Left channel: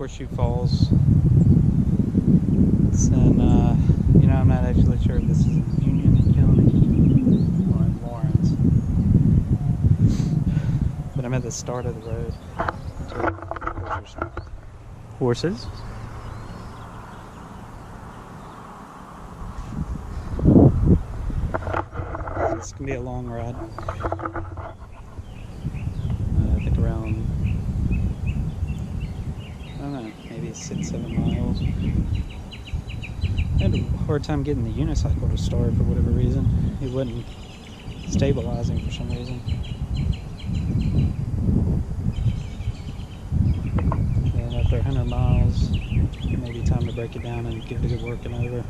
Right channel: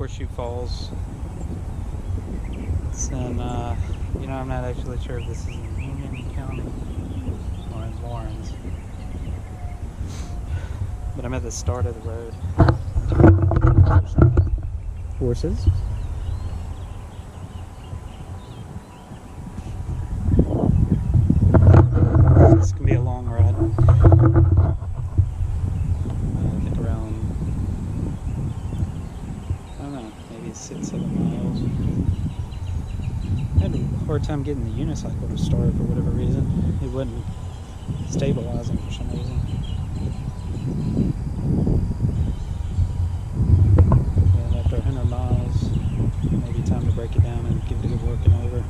Horseshoe Falls. It's in, you know, I'm not actually sure if this is in Union County or in Lawrence. But I'm at the start of the road. Horses. This can be a long ride. I think around, I don't know, maybe 6-7 miles. I had a hard time getting the unicycle to start for whatever reason. It wasn't stabilizing for some reason. And after 100 miles, maybe time to break it down and give it a good working over.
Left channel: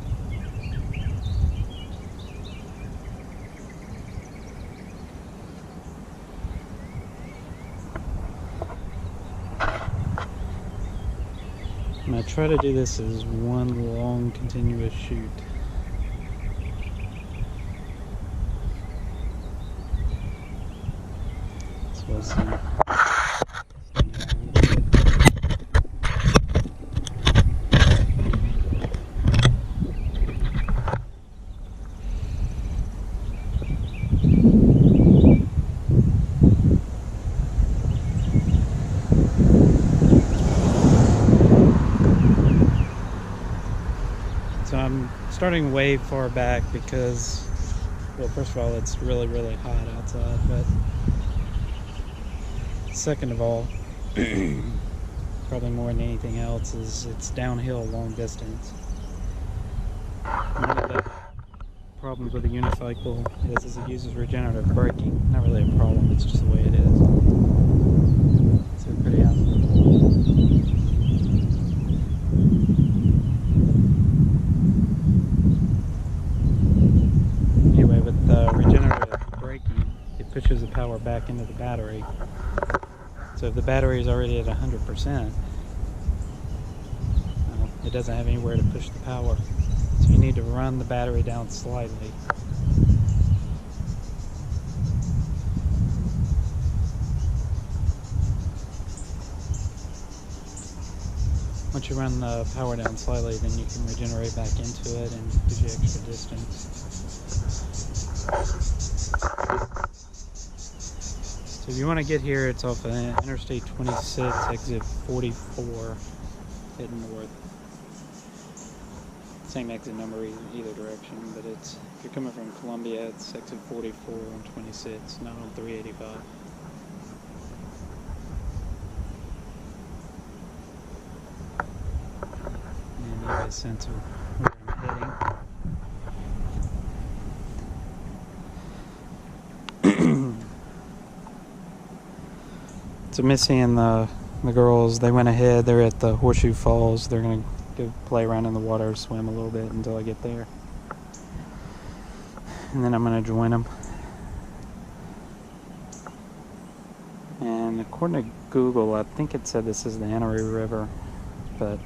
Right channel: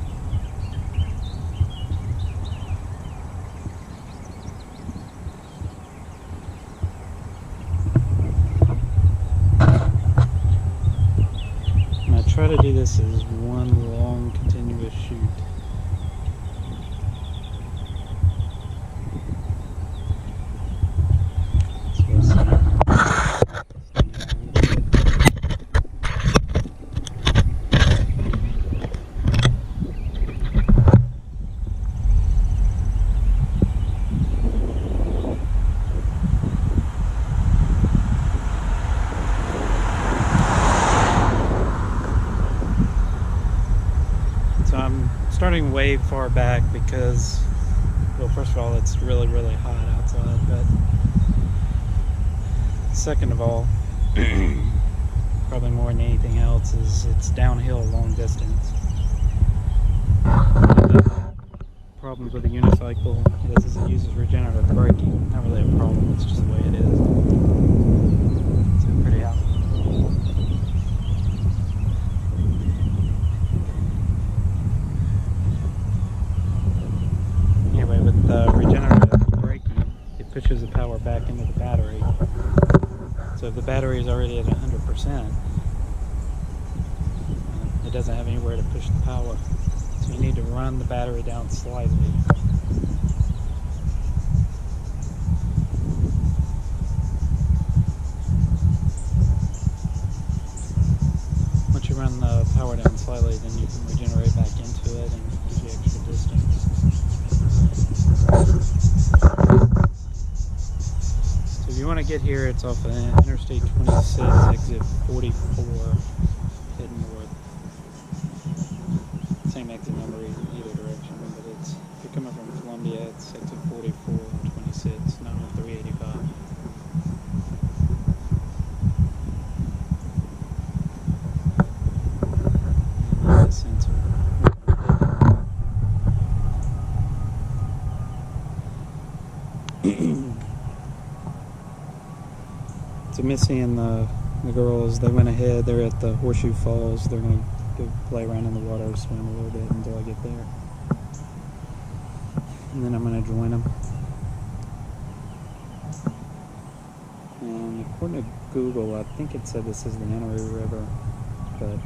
I try to do this as one long continuous shoot. So let's see. So I'm starting way far back because, well, first of all, it's really, really hot outside, but second of all, probably more than anything else, is it's downhill long distance. One of the problems with a unicycle is it uses regenerative braking. Not really a problem, it's just the way it is. So pretty out. Anyway, with regenerative braking, it pushes the power back into the battery. So if the battery is already at 100%, it doesn't have anywhere to push the power. So you need to run the battery down slightly. Once you run the power down slightly, then you can regenerate back into it and gives you extra distance. So if you want to get here, it's off of Interstate 26, exit 44, heading north. Same exit number in either direction, but it's, if you're coming from Columbia, it's exit 44 on 26, not on 385. And you get a sense of where I'm heading. So Missy and the girls, they went ahead. They're at the Horseshoe Falls. They're going to go play around in the water, swim a little bit until I get there. And then I'm going to join them. And according to Google, I think it said this is the Enoree River, but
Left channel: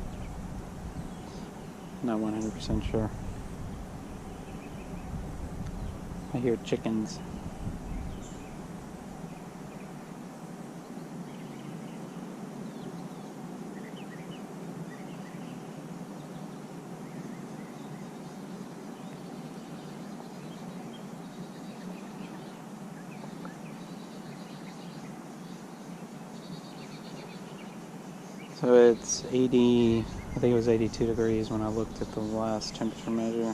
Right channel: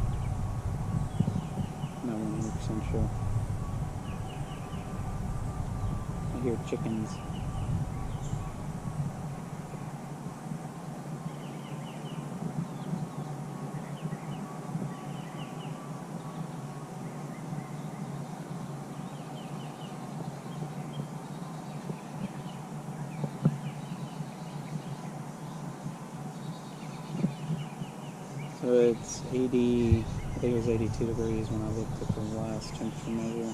I'm not 100% sure. I hear chickens. So it's 80, I think it was 82 degrees when I looked at the last temperature measure.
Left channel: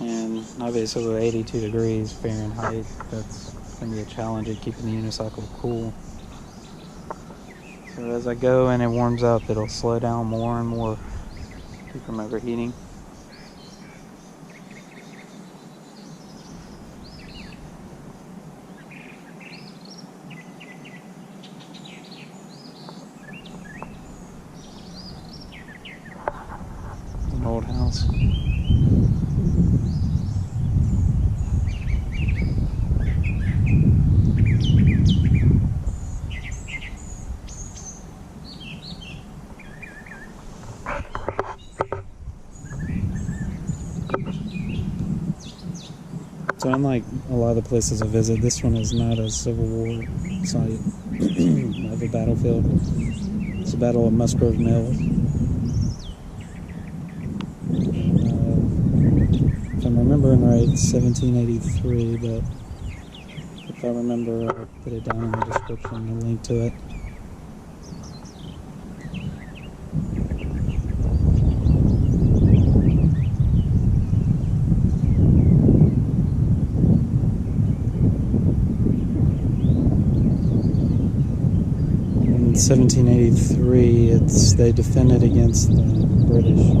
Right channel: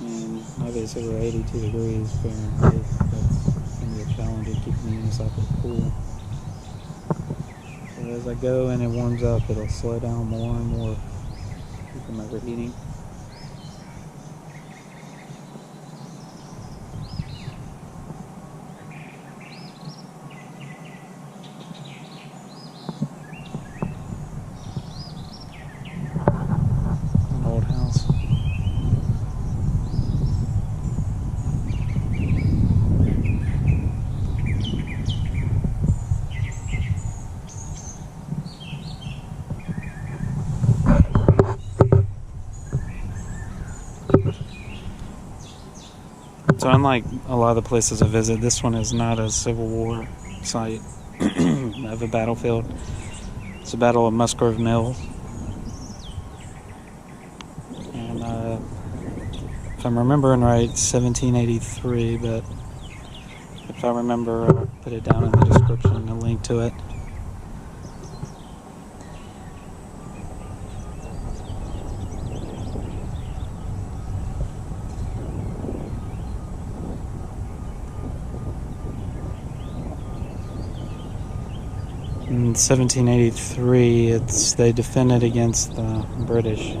And obviously with 82 degrees Fahrenheit, that's going to be a challenge in keeping the unicycle cool. So as I go and it warms up, it'll slow down more and more, keep from overheating. Old house. So unlike a lot of the places I visit, this one is not a Civil War site of a battlefield. It's the Battle of Musgrove Mill. And if I'm remembering right, 1783, but if I remember, I'll put it down in the description, a link to it. In 1783, they defended against the British.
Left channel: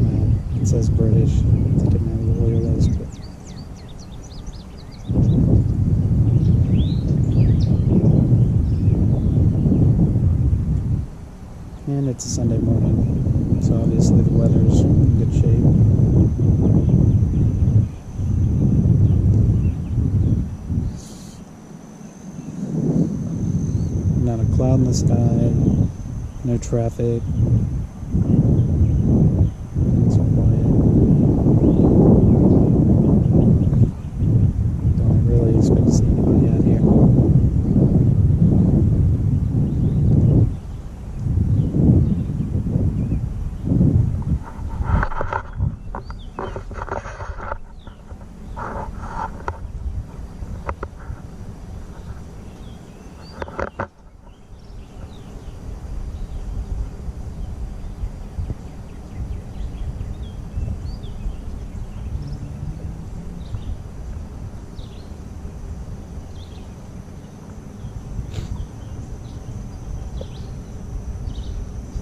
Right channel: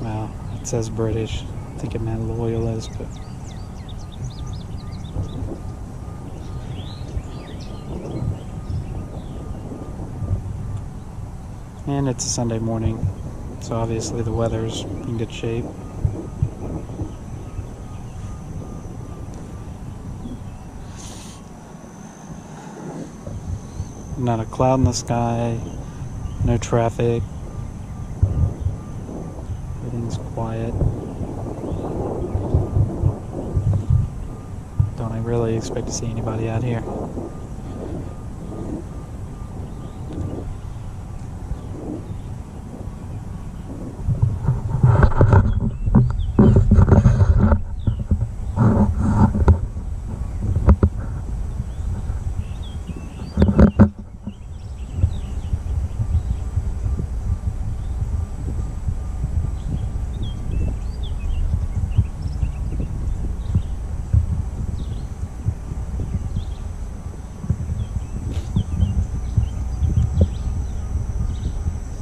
Well, it says British. I think it meant loyalists, but and it's a Sunday morning, so obviously the weather's in good shape. Not a cloud in the sky, no traffic, everything's quiet. Don't I really expect to see anybody out here.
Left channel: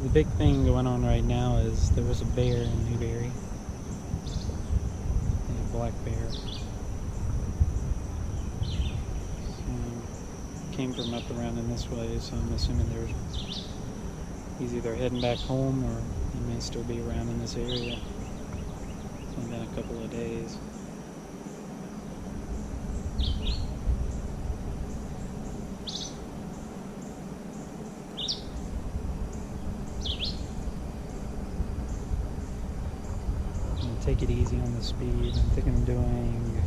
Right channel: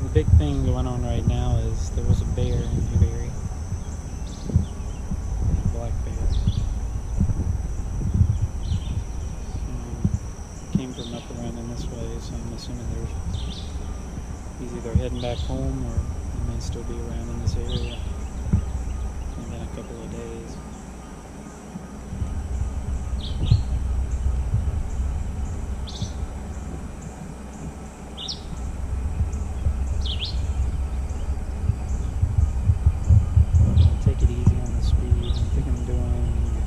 The big thing going on right now is there was a bear in Newberry, a black bear. Came from up around in this way, so I'm assuming he's either heading back home or he may still be around in this area. It's only been a couple of days. Take it easy on the speed. I think I'm doing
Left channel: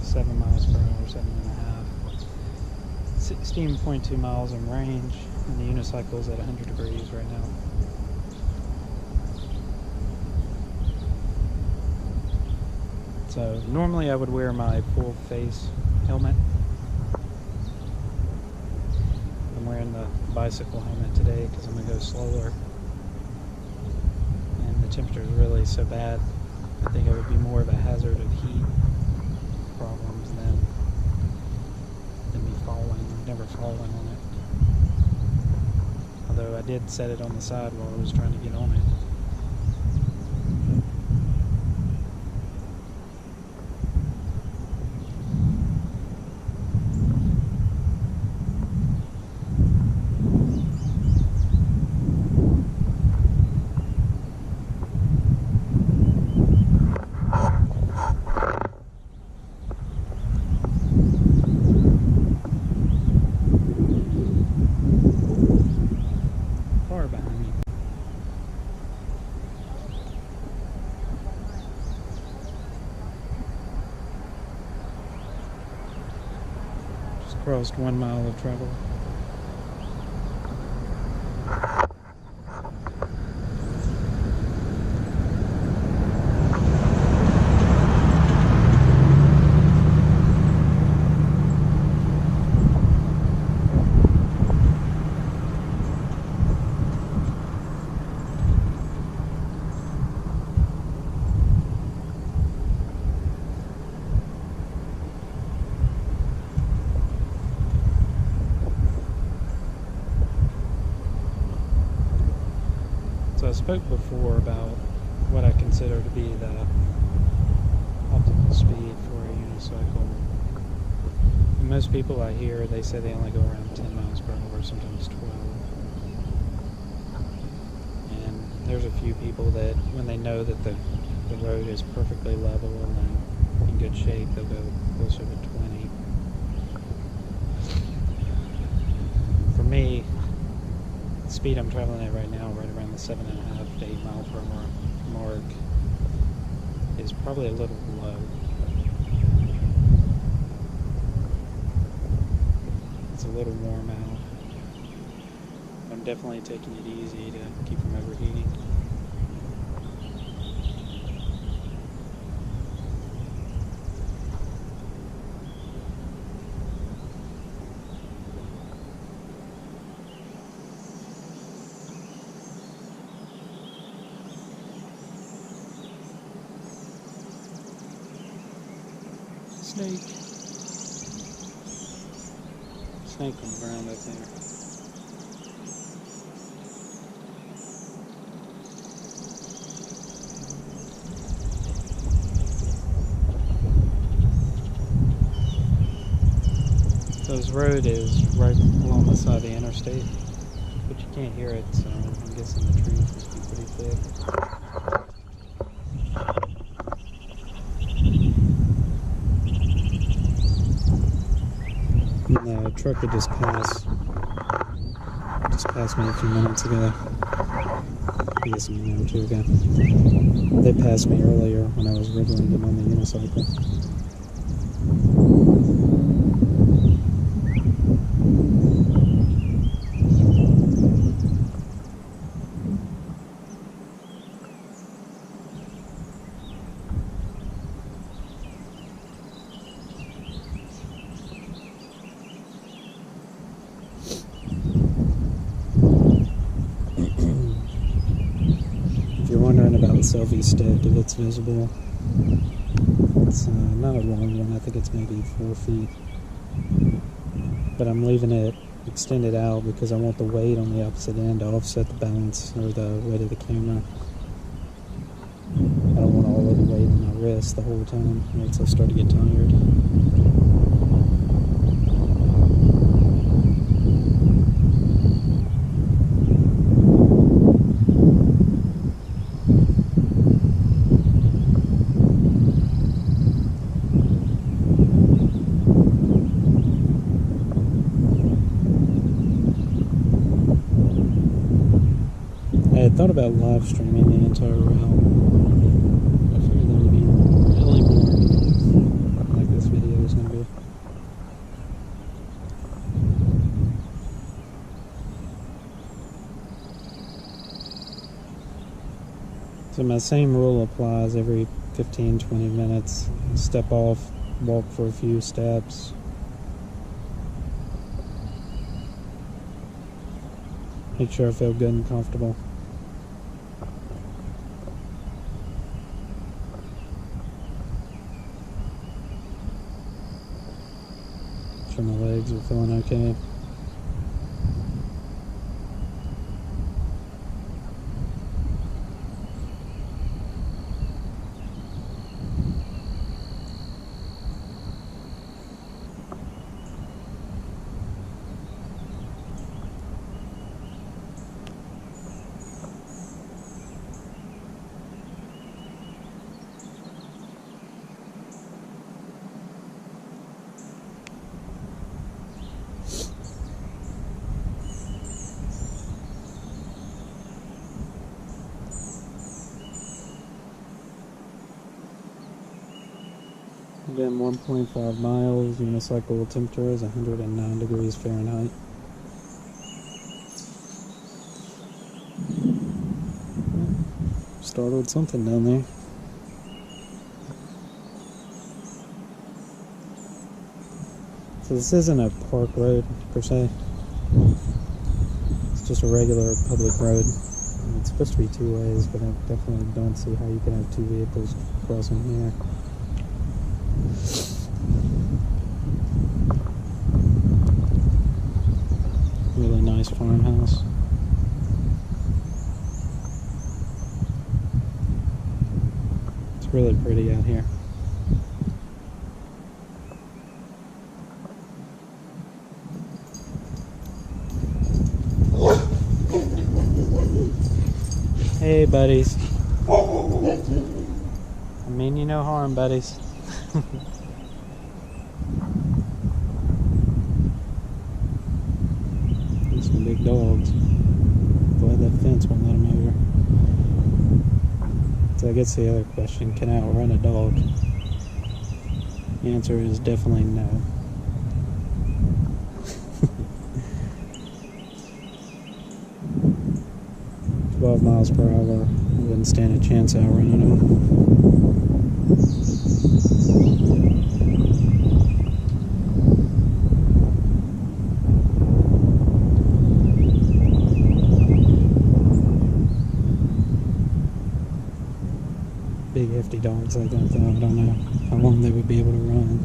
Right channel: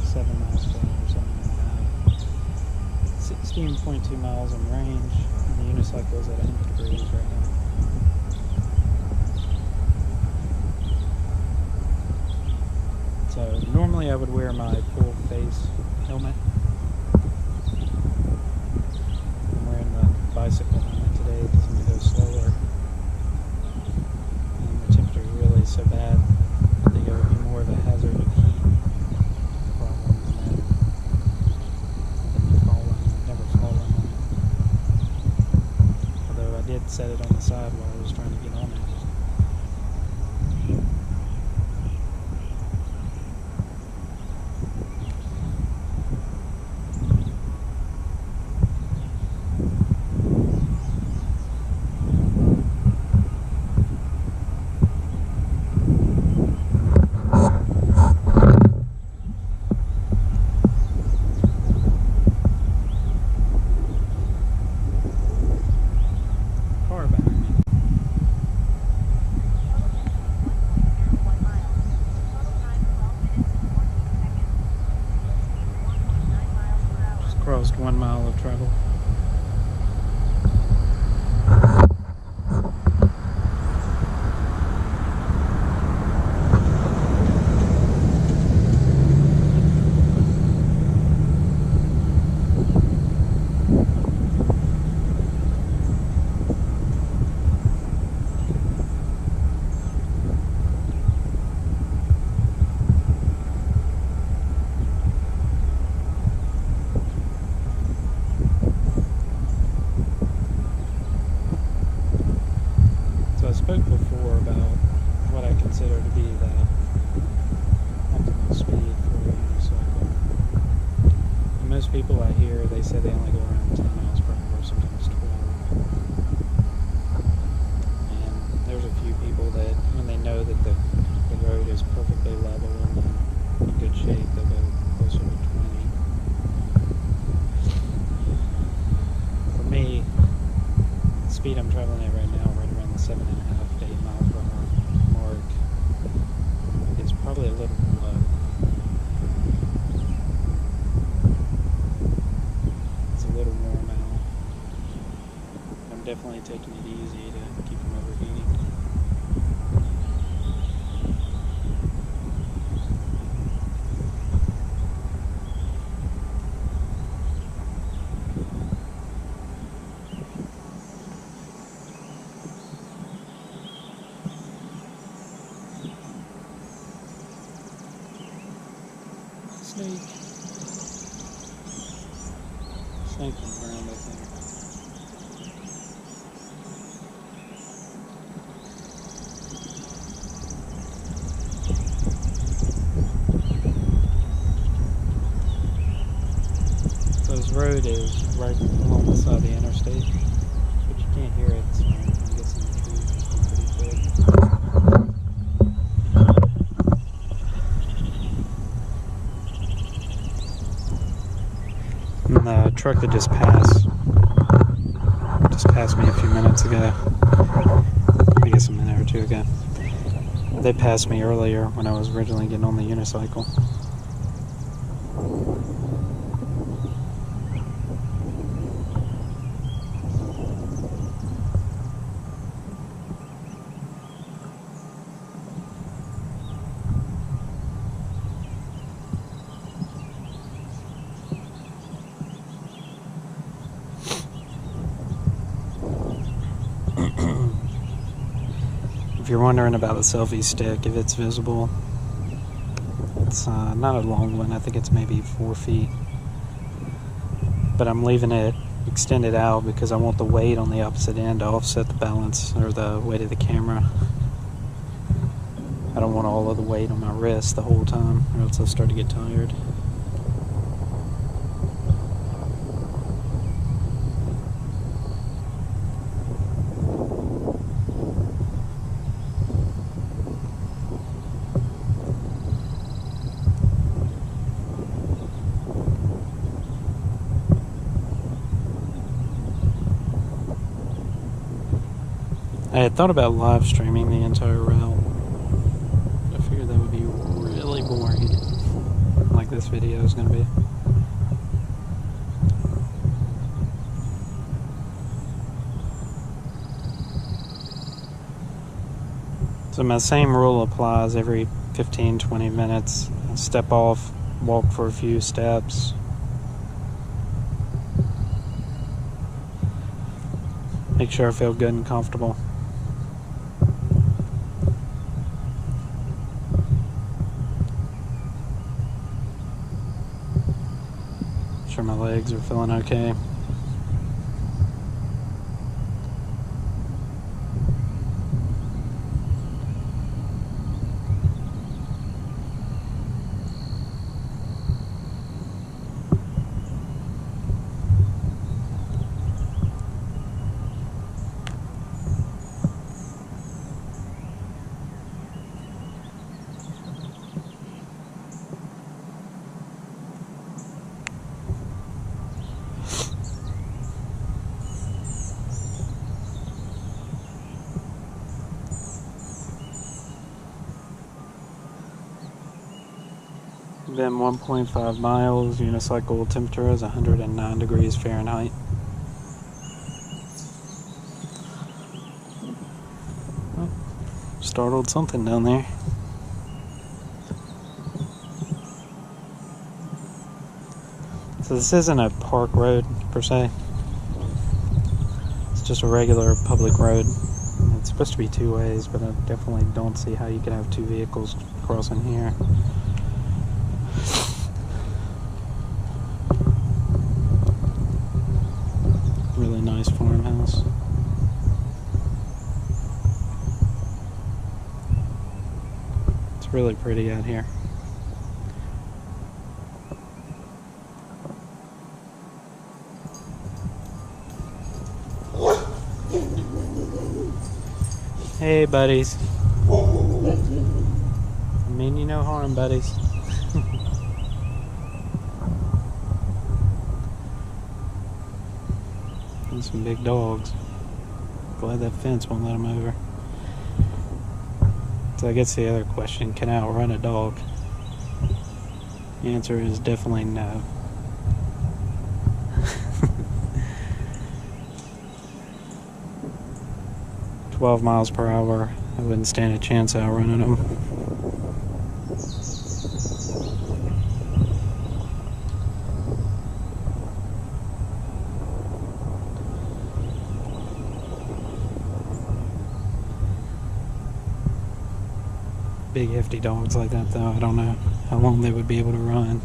7 miles per hour, 7.5. 16.2 miles in range, and the unicycle is at 100 degrees right now. So normally I would wear my full face helmet. I'm wearing the bicycle helmet today because I'm going to go slower. The temperature is really so bad, I think it would be more of a hazard of heat problems than me falling. I've never fallen on it. Although I did set it on the side while I was trying to get on it. Behind me. Just crossed 1 mile of travel. So I spoke before about what I consider to be the optimal speed for a unicycle. And most people I hear, they say they only go around 10 miles per hour, sometimes 12. And there's a few people that, when they know that the road is perfectly level and in good shape, they'll go closer to 20. For me, the speed I'm traveling at right now, right around the 7.5 to 8 mile per hour mark is probably a little low. It's a little warm out. I'm definitely taking it easy to keep from overheating. Snake on the ground back there. So this road is right along the side of the interstate, but you can't hear it, so I'm guessing the trees must be pretty thick. And the truck that just passed me a few minutes ago, I guess a minute or two ago, they passed me earlier when I was originally getting on the unicycle. If you're wondering about the selfie stick, if it's visible, it's not a long one. I think it's maybe 4 feet. But I'm leaving it extended out because I want the weight on the opposite end to offset the balance or the weight of the camera. I don't want all of the weight on my wrist the whole time, or else I'll start to get tired. I had thought about live streaming the entire route, but I figured that would be really boring, like this video is going to be. So my same rule applies every 15-20 minutes. I step off, walk for a few steps. Make sure I feel good and comfortable. Sure my legs are feeling okay. Been 1.5 miles, unicycle temperature is 109 degrees Fahrenheit. Oh, startled something down there. So this isn't a park road per se. It's just a regular public road. It's supposed to be 2 ways, but I definitely don't see how you can have 2 vehicles crossing here. Really nice farmhouse. It's really pretty out here. Hey, buddies. I mean you no harm, buddies. Some big dogs. unicycle, that fence won't let them over. So I guess the other question, can I outrun a dog? The answer is definitely no. "12 miles per hour, I wouldn't stand a chance outrunning them." Big hefty dogs like that though, I don't know how long they would be able to run.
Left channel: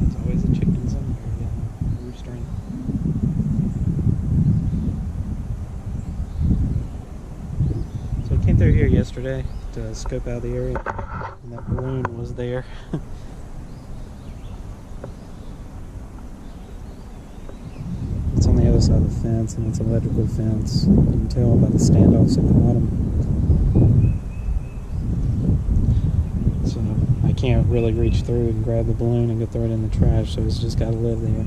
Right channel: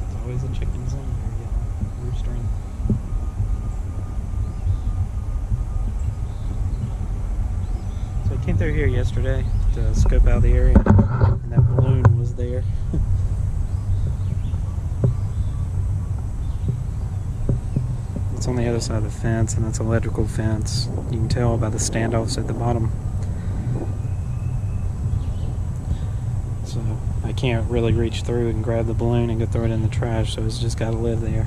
There's always a chicken somewhere yelling, roostering. So I came through here yesterday to scope out the area, and that balloon was there. It's on the other side of the fence, and it's an electrical fence. You can tell by the standoffs at the bottom. So I can't really reach through and grab the balloon and go throw it in the trash, so it's just got to live there.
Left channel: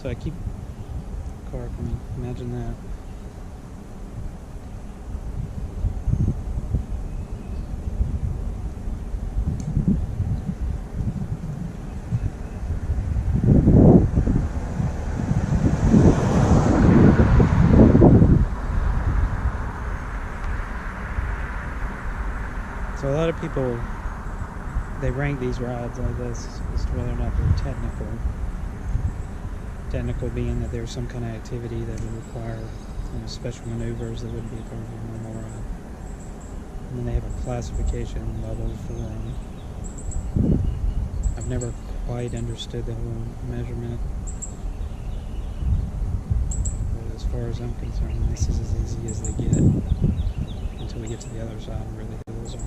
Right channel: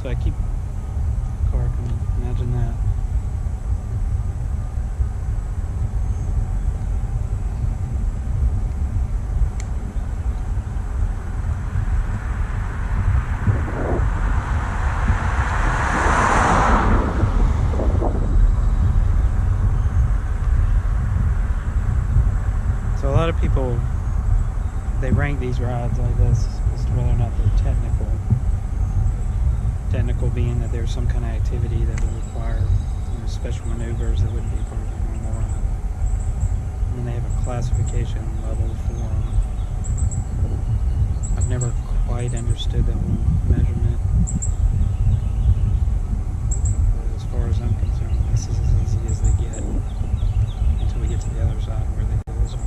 So I keep the car coming, imagine that. So a lot of people, they rank these rides like this as to whether or not they're technical. Technical being that there's some kind of activity that would require, you know, special maneuvers that wouldn't be part of your normal ride. And then they have a classification level for them. I've never quite understood that whole measurement. But as far as I'm concerned, this is as easy as they get until we get to the other side where the hills are.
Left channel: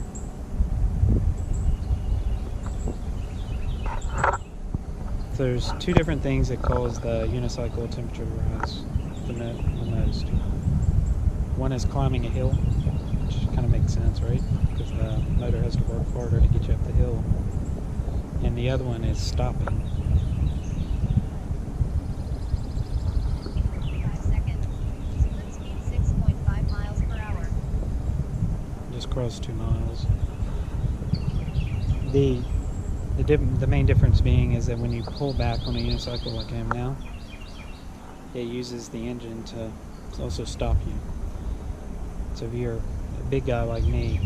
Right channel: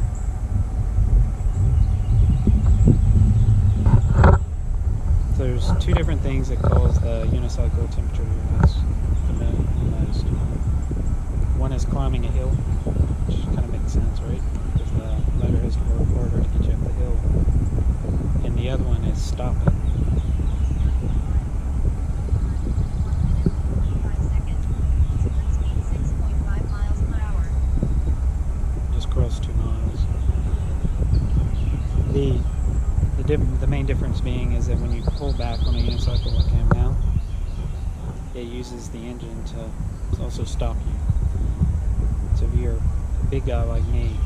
There's two different things that cause the unicycle temperature to rise the most. One is climbing a hill, which kind of makes sense, right? Because the motor has to work harder to get you up the hill. And the other one is stopping. 5 seconds. Split speed 6.5 miles per hour. Just crossed 2 miles. The main difference being is that when you pull back on a unicycle like I am now, it uses the engine to also stop you. So if you're a big guy like me,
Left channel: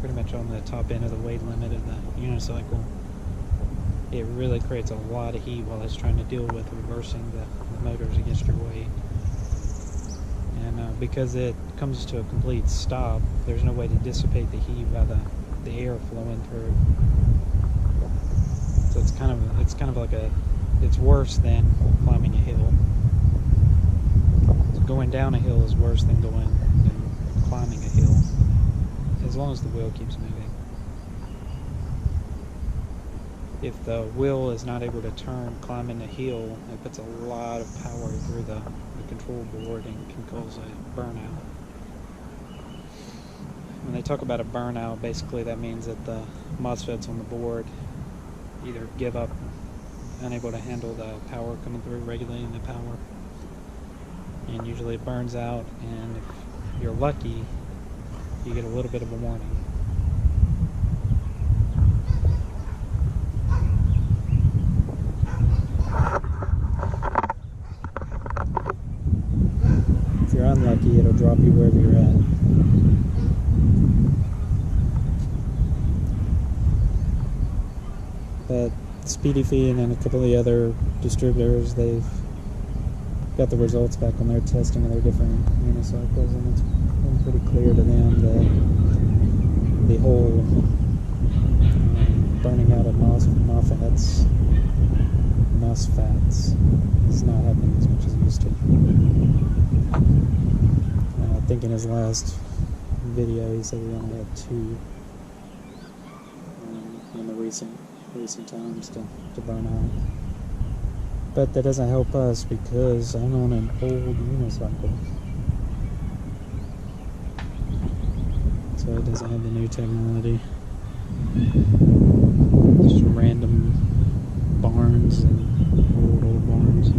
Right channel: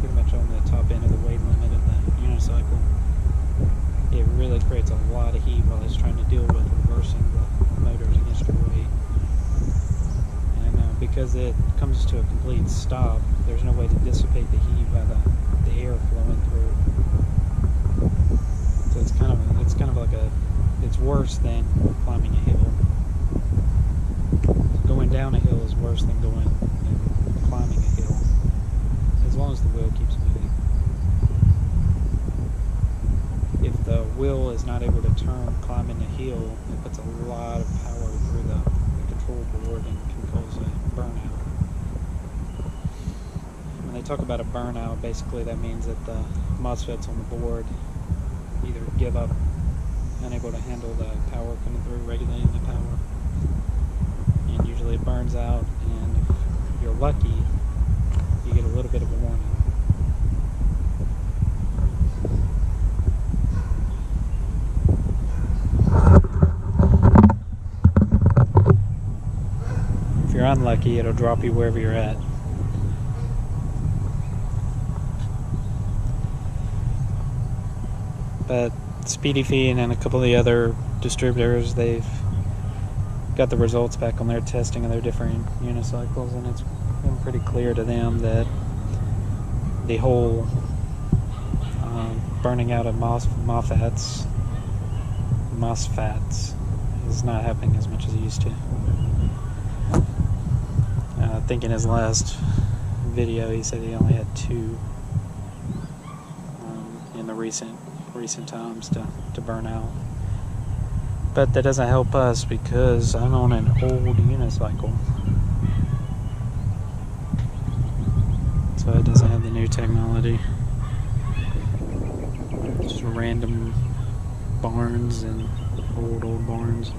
pretty much on the top end of the weight limit of the unicycle, it really creates a lot of heat while it's trying to deal with reversing the motors against your weight. And because it comes to a complete stop, there's no way to dissipate the heat by the air flowing through. So it's kind of like it's worse than climbing a hill. So going down a hill is worse than climbing a hill, as long as the wheel keeps moving. If the wheel is not able to turn climbing a hill, it puts a lot of power through the control board and can cause a burnout. When they talk about a burnout, basically that means that the MOSFETs on the board either give up, unable to handle the power coming through, regulating the power, and usually it burns out, and if you're lucky, you get a little bit of a warning. If you're unlucky, it'll drop you wherever you're at. But Speedy Feed and a couple of the other distributors, they've got the results back on their testing of their different unicycles, and it's been pretty clear to them that the whole burning out of MOSFETs MOSFETs is not happening as much as it used to. I think in his last video he said he only had 2 in the recent times to burn out. But that doesn't help us because I'm on an old unicycle. So it doesn't have the new technology. Just random barns and old barns.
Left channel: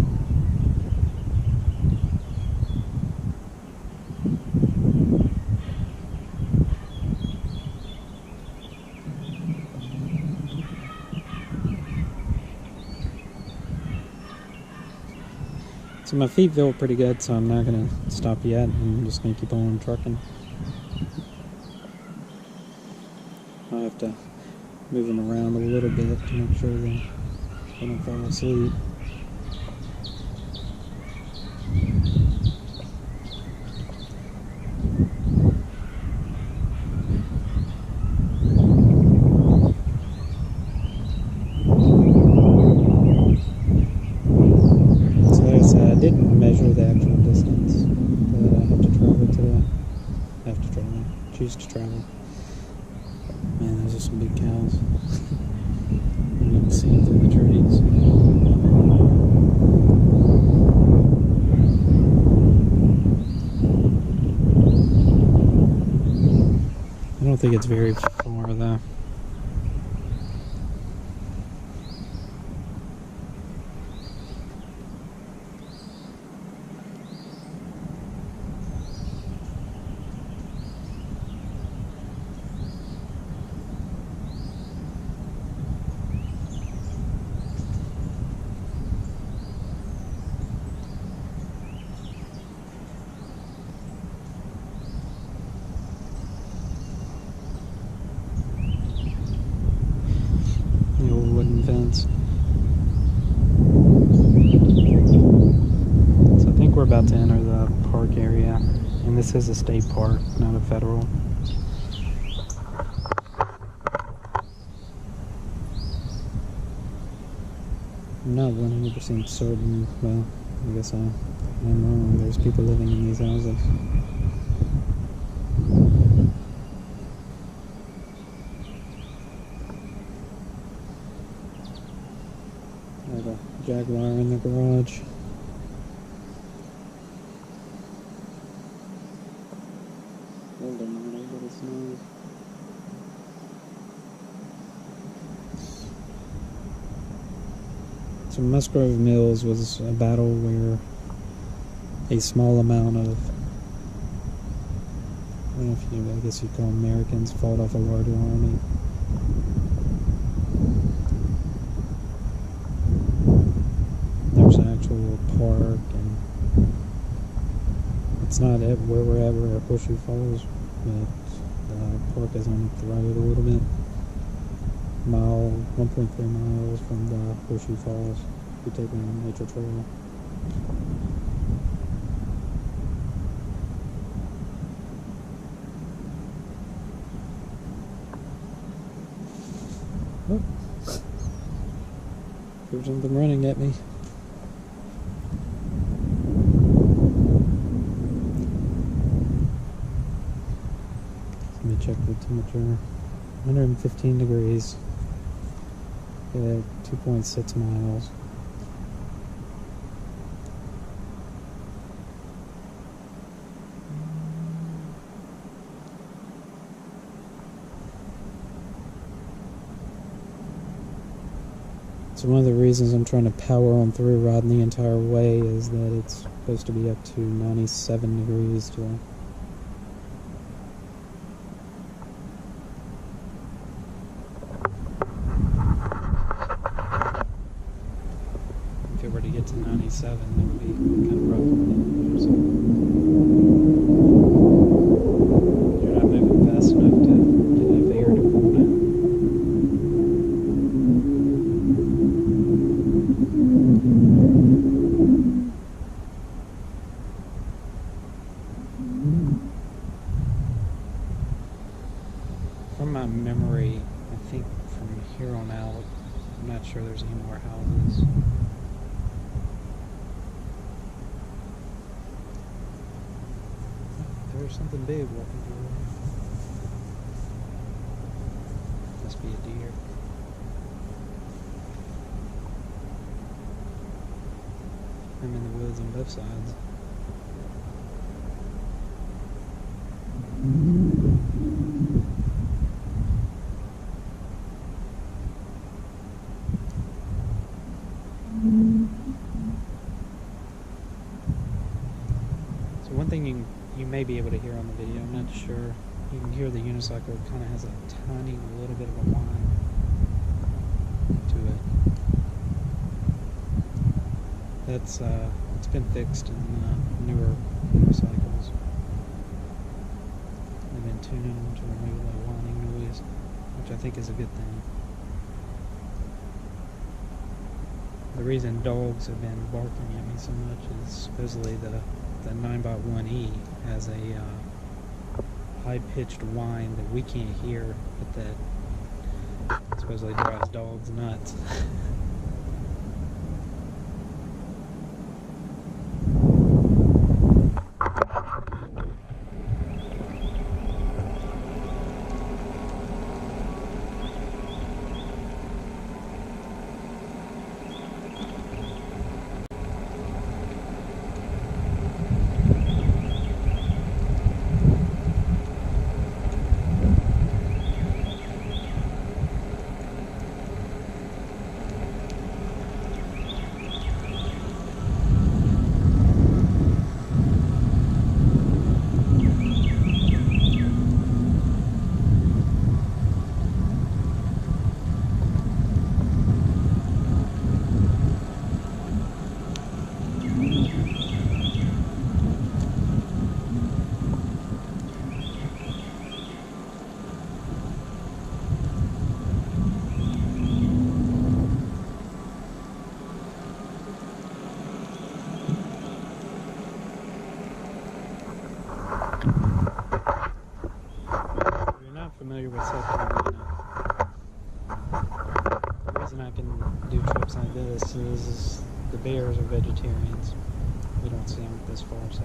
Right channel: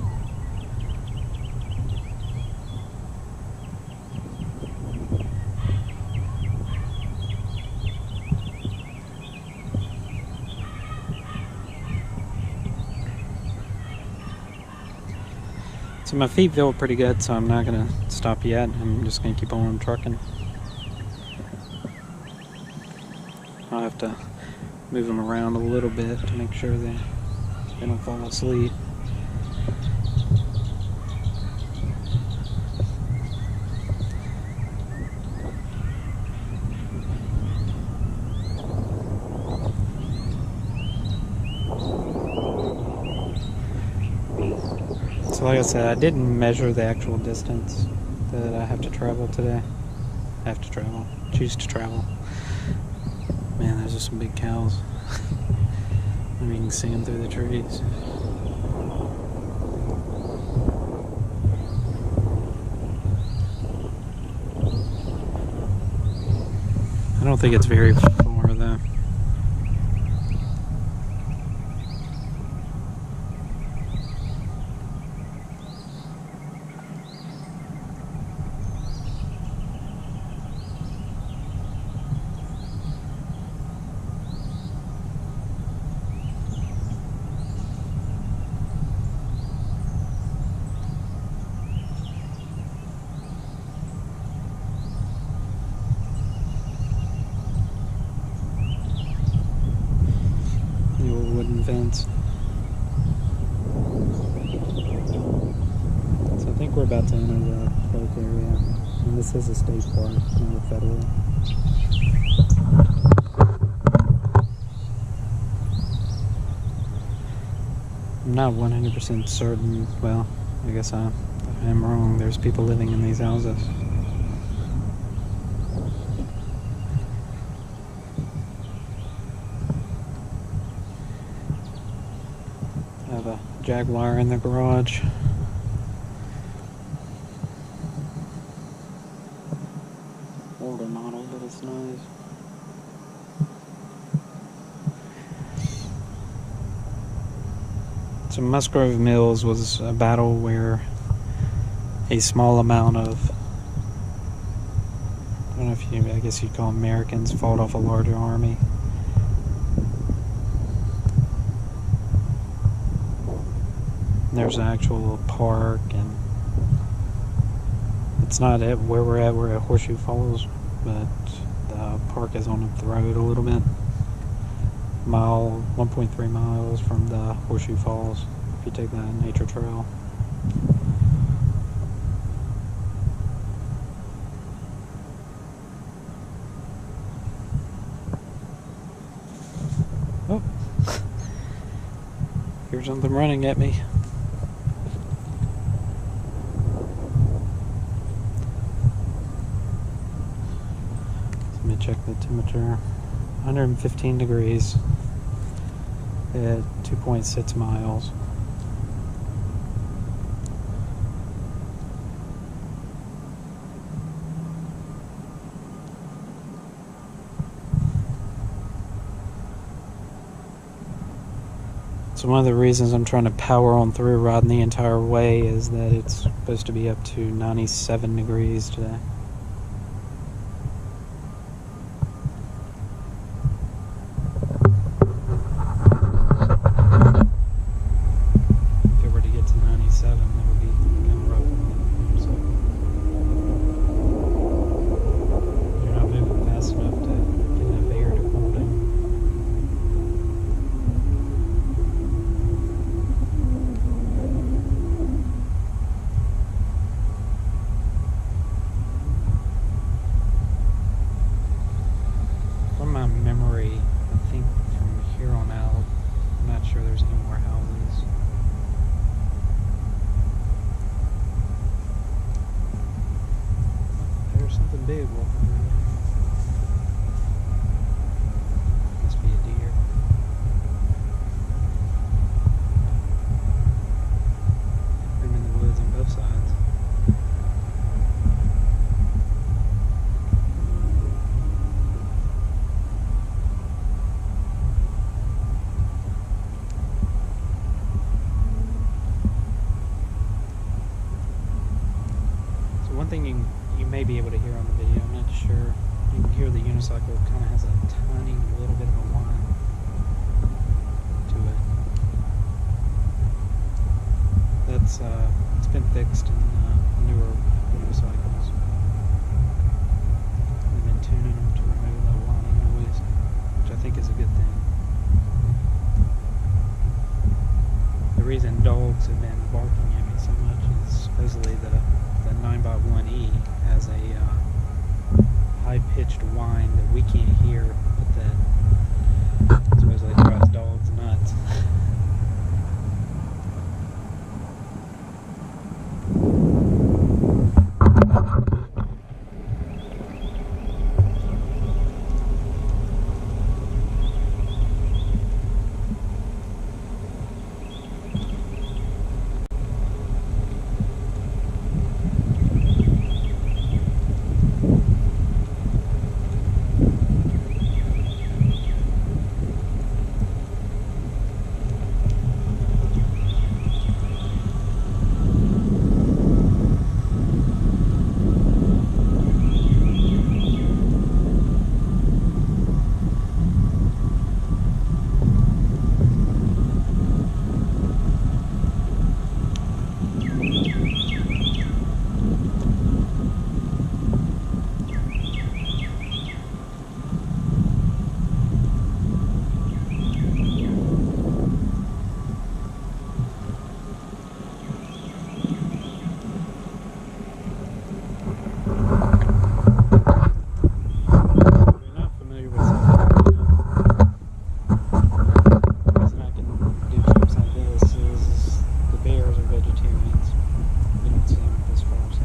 So my feet feel pretty good, so I'm not gonna stop yet. I'm just gonna keep on trucking. I'll have to move them around a little bit to make sure they don't fall asleep. So like I said, I didn't measure the actual distance that I have to travel today. Choose to travel. Man, there's just some big cows. Maybe you can see them through the trees. I don't think it's very far though. The old wooden fence. So I think we're about to enter the park area. And this is a state park, not a federal. I'm not 100% certain. Well, I guess I am wrong. There's people living in these houses. I have a Jaguar in the garage. Older model, but it's nice. So Musgrove Mills was a battle where a small amount of, I don't know if you, I guess you'd call Americans, fought off a larger army. There's an actual park, and it's not at where we're at. We're at Horseshoe Falls, but the park is on up the road a little bit. 1.3 miles from the Horseshoe Falls if you take that nature trail. Oh, here's something running at me. Let me check the temperature. 115 degrees at 2.6 miles. So one of the reasons I'm trying to power on through riding the entire way is that it's supposed to be up to 97 degrees today. If it were to get to 97, that would be kind of rough on the motorcycle. You're not moving fast enough to get enough air to cool down. From my memory, I think from here on out, I'm not sure there's any more houses. there's something big walking through there. Must be a deer. I'm in the woods on both sides. One thing you may be able to hear on the video, I'm not sure. You can hear the unicycle kind of has a tiny little bit of a whine to it. That's it's been fixed in newer unicycles. They've been tuning them to remove the whining noise, which I think is a good thing. The reason dogs have been barking at me so much is supposedly the 9x1E has a high-pitched whine that we can't hear, but that supposedly drives dogs nuts. Bears are vegetarians. We don't see them this far south.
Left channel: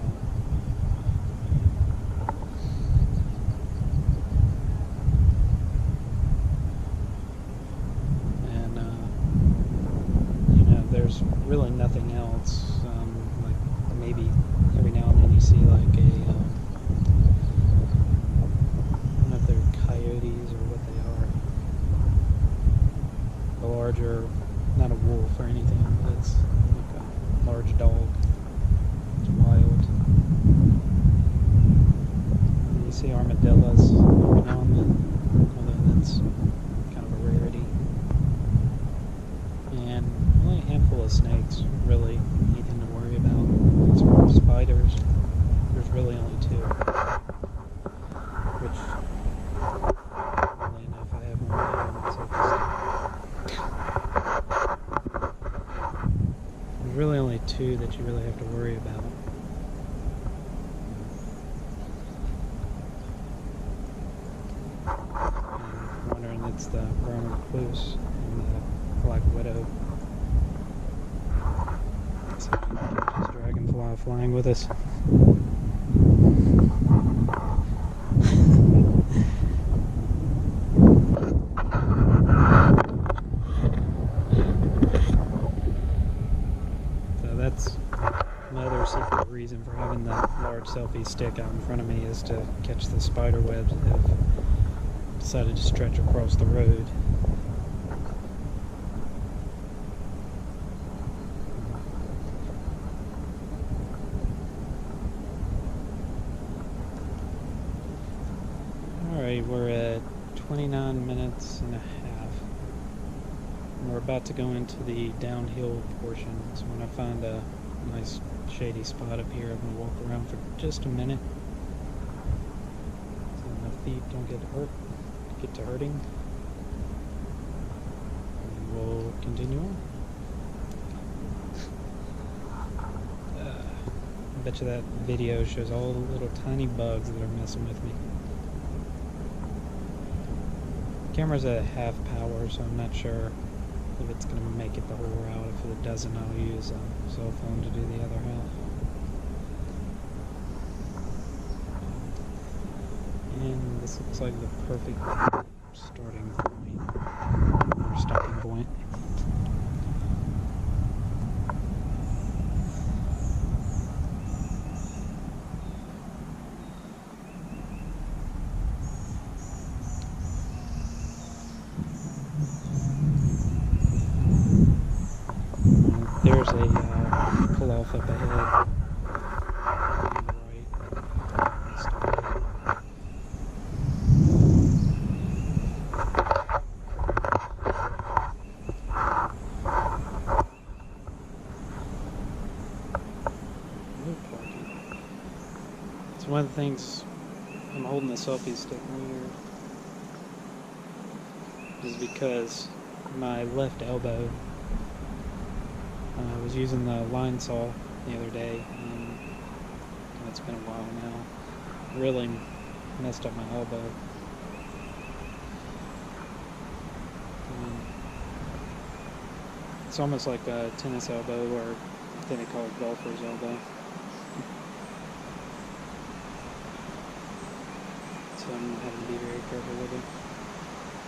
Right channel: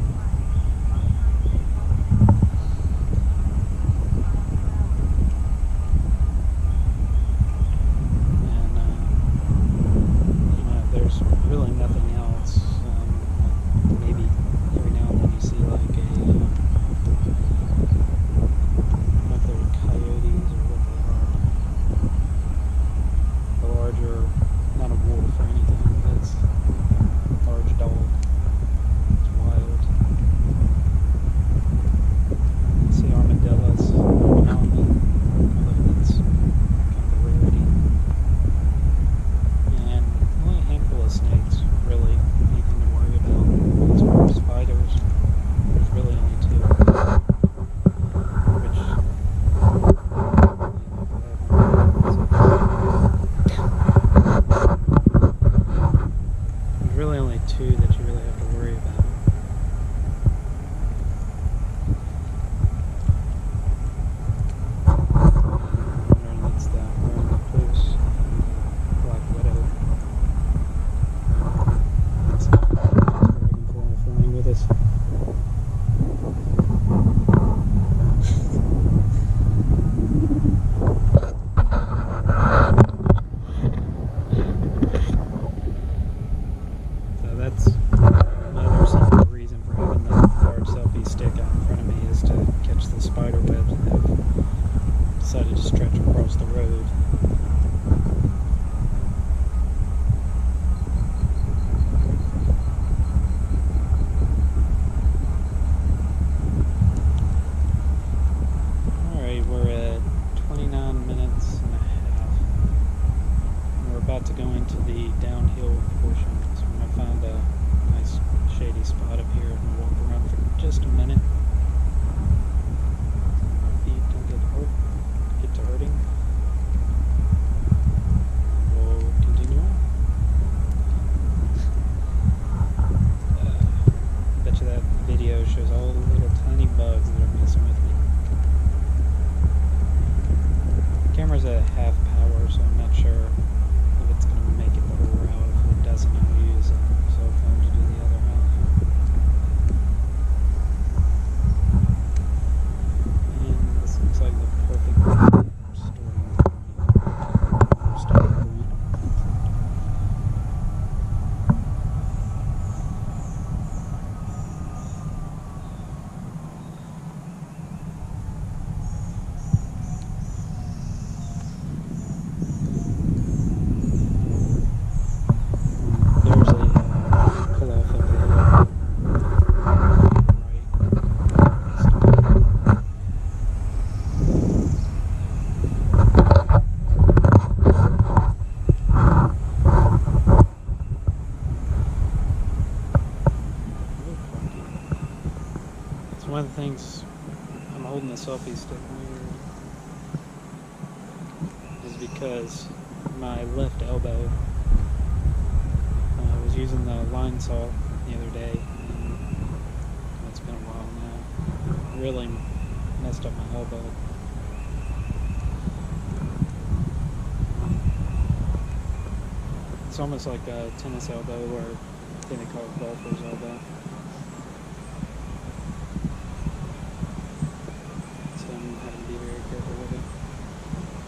And you know, there's really nothing else. Like maybe every now and then you see like a I don't know if they're coyotes or what they are. A larger, not a wolf or anything, but it's like a large dog. It's wild. And you see armadillos every now and then, although that's kind of a rarity. And only a handful of snakes, really, anything to worry about. As far as spiders, there's really only two. Which, oddly enough, I have one myself. There's really only two that you really have to worry about. I'm wondering, that's the brown recluse and the black widow. Let's see if we can catch this dragonfly flying with us. That's my other secret reason for having the large selfie stick out in front of me, is to catch the spider webs that have decided to stretch across the road. Alright, we're at 29 minutes and a half. And we're about to go into the downhill portion. So when I find a nice shady spot up here, I'm going to walk around for just a minute so my feet don't get to hurting. And we'll continue on. I bet you that video shows all the little tiny bugs that are messing with me. The camera's at half power, so I'm not sure if it's going to make it the whole route. If it doesn't, I'll use a cell phone to do the other half. perfect starting point or stopping point. There's a pull-off up ahead. Right. Stop. It's one of the things I'm holding the selfie stick weird is because my left elbow, I was using the line saw the other day, and it's been a while now. Really messed up my elbow. It's almost like a tennis elbow, or I think they call it golfer's elbow. So I'm having to be very careful with it.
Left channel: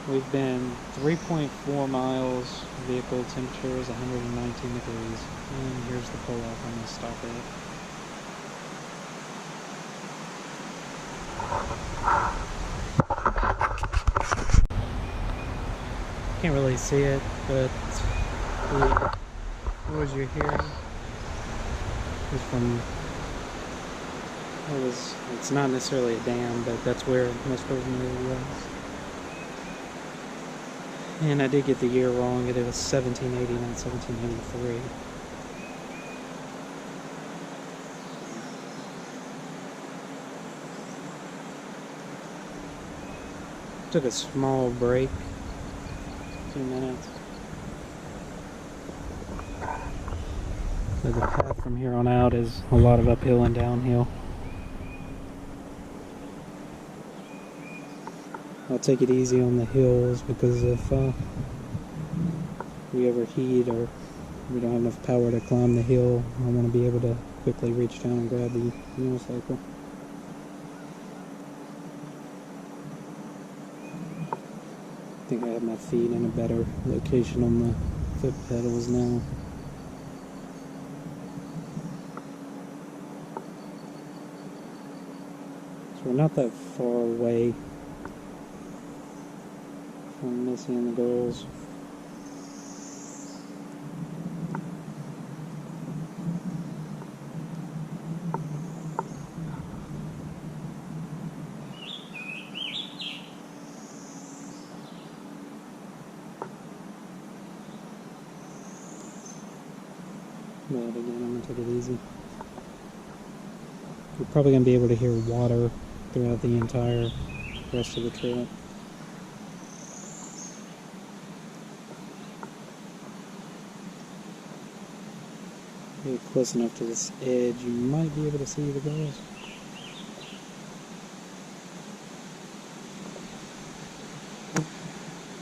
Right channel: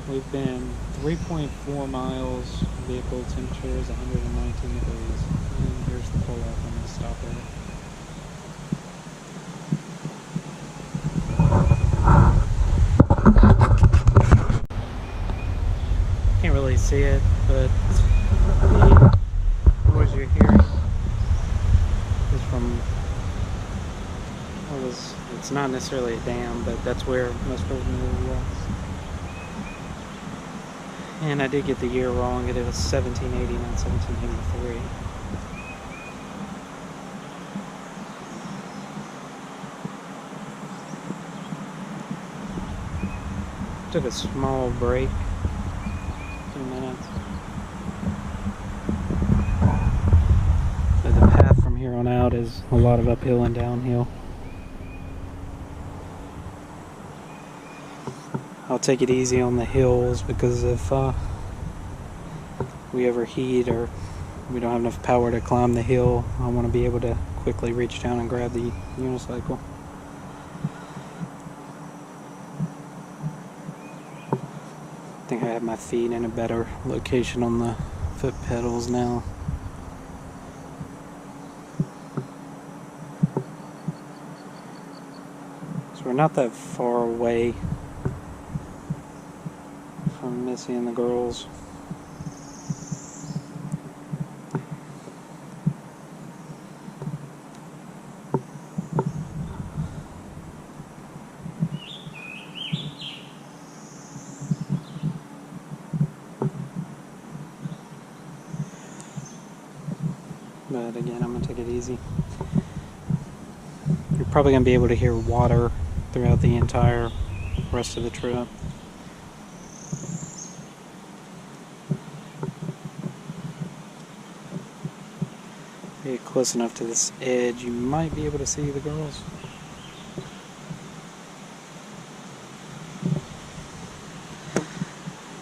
We've been 3.4 miles, vehicle temperature is 119 degrees, and here's the pull-off I'm going to stop at. Can't really see it, but the noise you're hearing is from, it's not necessarily a dam, but that's where most of it was. And I did get the year wrong, it was 1780, not 1783. Took a small break, 2 minutes. But the path from here on out is a lot of uphill and downhill. I'll take it easy on the hills, because if we overheat or we don't have enough power to climb the hill, I want to be able to quickly reach down and grab the unicycle. I think I have my feet in a better location on the foot pedals now. So we're not that far away from Missy and the girls. But again, I'm going to take it easy. You're probably going to be able to hear water throughout the entire rest of the trip. Get close enough to this edge, you might be able to see the girls.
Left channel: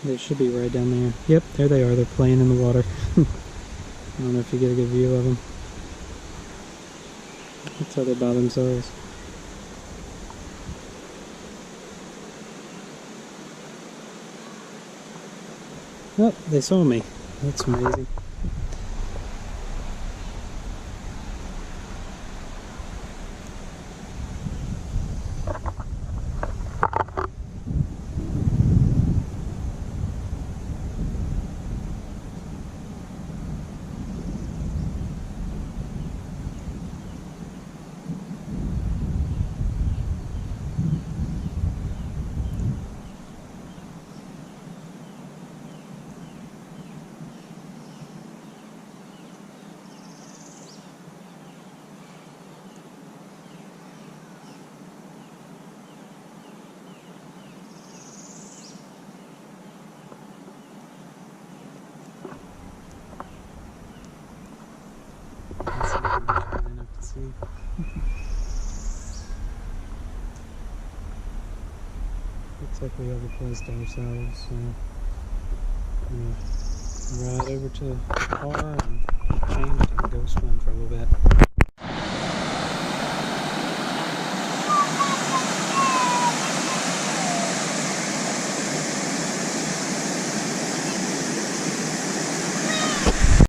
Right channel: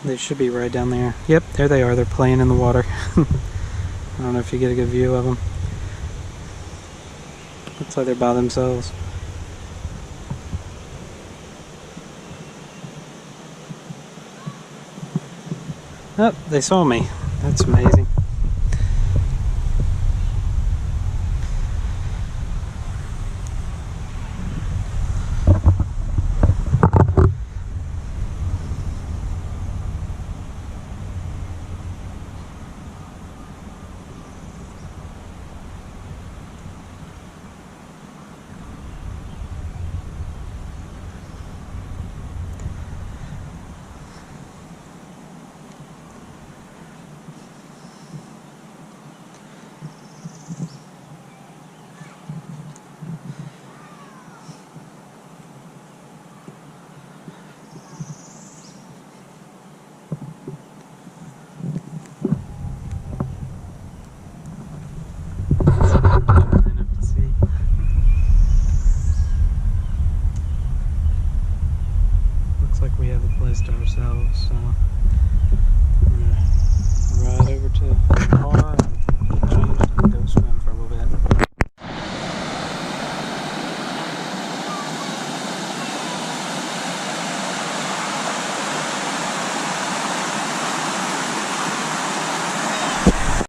They should be right down there. Yep, there they are. They're playing in the water. I don't know if you get a good view of them. Looks like they're by themselves. Oh, they saw me. That's amazing. Like we have a place to ourselves, so I'm gonna ride over to the car